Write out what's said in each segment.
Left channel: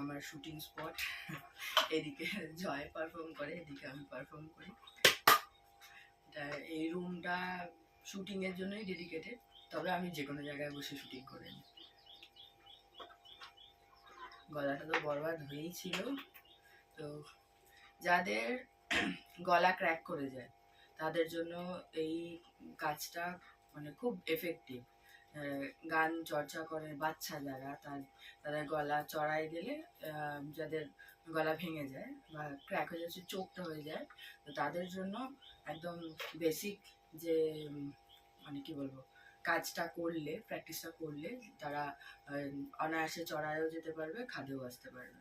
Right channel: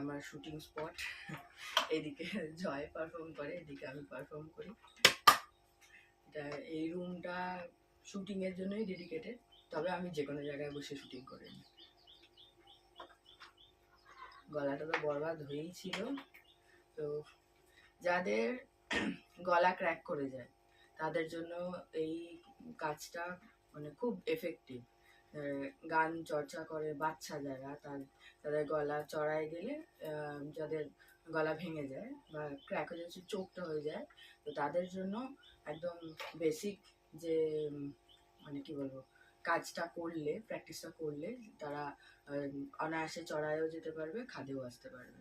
আমার shooting spot. এদিকে জয় perform করে, এদিকে আমি পারফর্ম করি। এটা এই রুমটা শুটিংয়ের জন্যই ডেডিকেটেড, তবে আমি যে কোনো জায়গায় বসে শুটিং করে নিই। গলাটা তো বরবাদ হয়েই ছিল, তো যাদের গলা ক্র্যাক করে যায় তাদের জন্য এই কাজটা মানে খুব এফেক্টিভ। গান চর্চা করে বাচ্চা যারা, তাদের গলা চড়াই গেলে যাদের গলা ভেঙে যায় বা ক্র্যাক হয়ে যাচ্ছে, চোখটা হয়ে যায়, তো তাদের জন্য একদম বেসিক যে মানে কি বলবো, কাজটা করলে, প্র্যাকটিসটা করলে তারা অনায়াসে চড়াইও যেতে পারবে, খাদেও আসতে পারবে।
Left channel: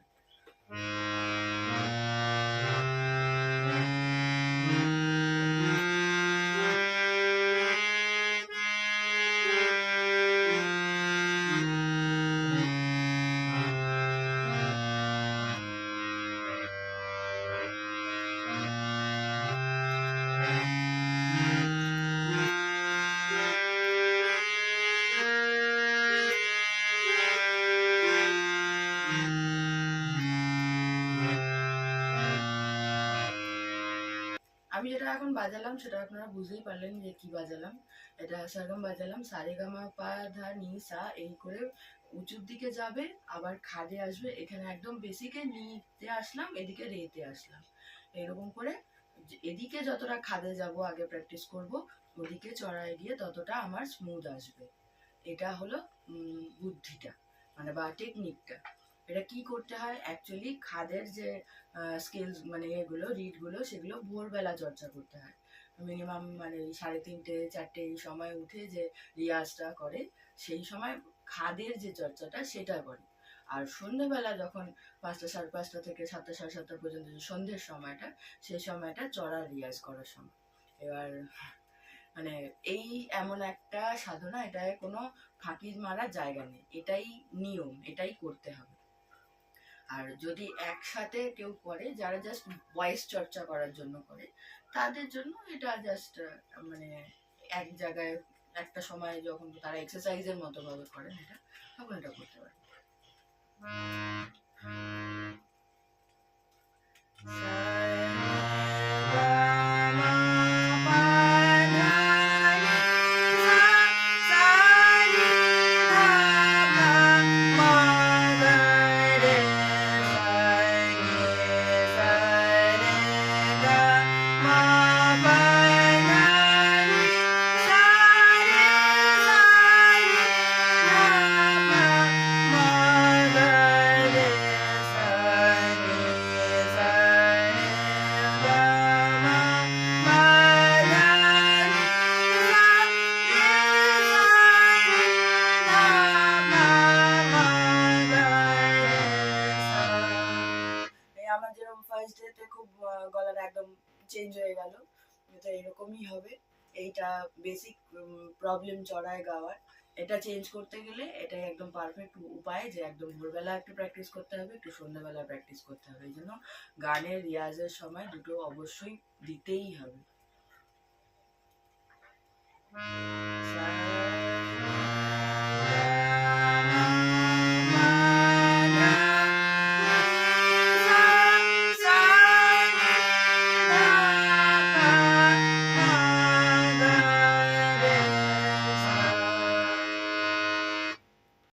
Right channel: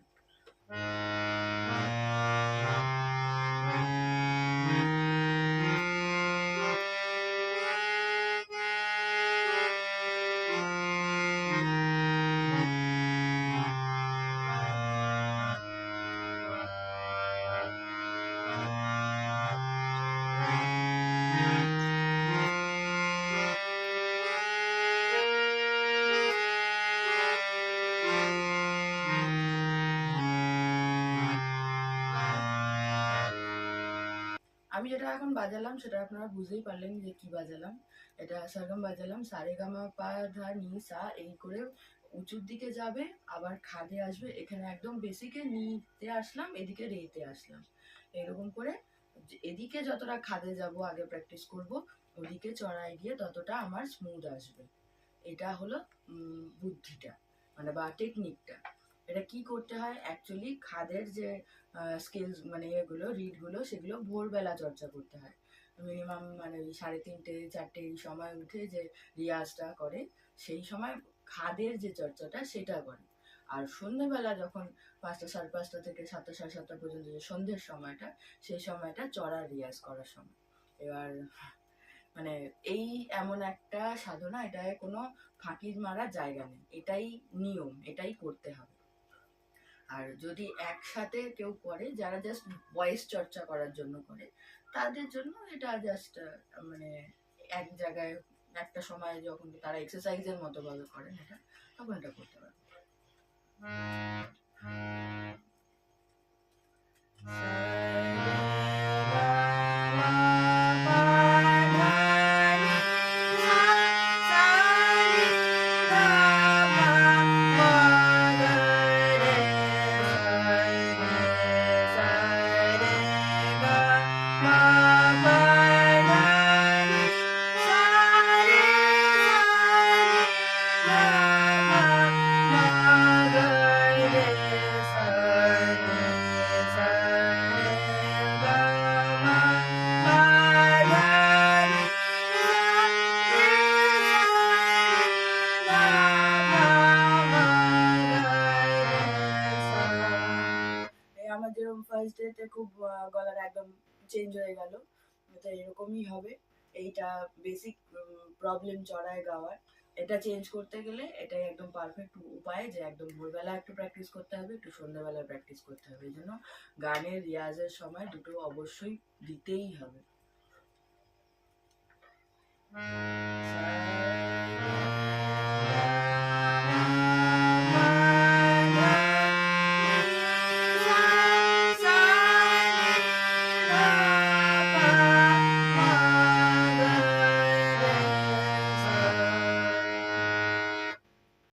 আমি যেটা এখন বাজালাম সেটা আপনারা বুঝতেই পারলেন যে কি বাজালাম। এটা সরগম বাজালাম, সারেগামা পা ধা নি সা, এই করে উঁচুর দিকে যাবে, আবার খাদে আসবে, এখানে একদম বেসিকে নিতে আসলাম, এদিকে রেতে আসলাম, এরকম করে এদিকে যতটা খাদে যাব আগে প্র্যাকটিস করব, ওদিকে চড়াই গিয়ে ততটা আমার স্মুথ আসবে। এটা হলো বুদ্ধিটা, মানে বা টেকনিকটা। এটা কি করতে হয় অ্যাকচুয়ালি, খাদের যে স্কিলস মানে এগুলো রিডগুলো, সেগুলো ভোরবেলা চর্চা করতে হয়। মিনিমাম মানে 3:30 4টে এই সময় উঠে যে রিয়াজটা করে, সেই সময় খাদের যে চর্চাটা সেটা করে। আর সন্ধ্যেবেলা যখন 5টা 5:30 থেকে 7টা 7:30 পর্যন্ত যে সন্ধ্যের সময়টা, সেই সময়টা চড়ার রিয়াজ করার সময়। এবার মানে এই এমন একটা সাধনা, এটায় কোনো ফাঁকি মারার জায়গা নেই, এটাই নিয়ম, এটাই করতে হবে। আর যদি একসাথে কেউ করে, যারা জাস্ট ভয়েস চর্চা করার জন্য করে, তাদের জন্য এটা জাস্ট মানে এক জায়গায় একটা সময় যখন তারা এক্সারসাইজের মতো ভাবে করেন এটা, তখন এটা করতে পারে। আমার যেরকম ফার্স্ট ডেতে খুব গলাটা একদম চেঞ্জ হয়ে গেল, এটা এরকমই হবে। এইটা বেসিক প্রবলেম চড়ায় গাওয়ার, এটা চেঞ্জ করতে গেলে এটাই একদম পারফেক্ট উপায় যে একদম ভোরবেলা একটু প্র্যাকটিস করতে হবে, একটু সন্ধ্যাবেলা প্র্যাকটিস করতে হবে। এই জন্য গানের রিয়াজের সময় দুটো অবশ্যই দিতেই হবে।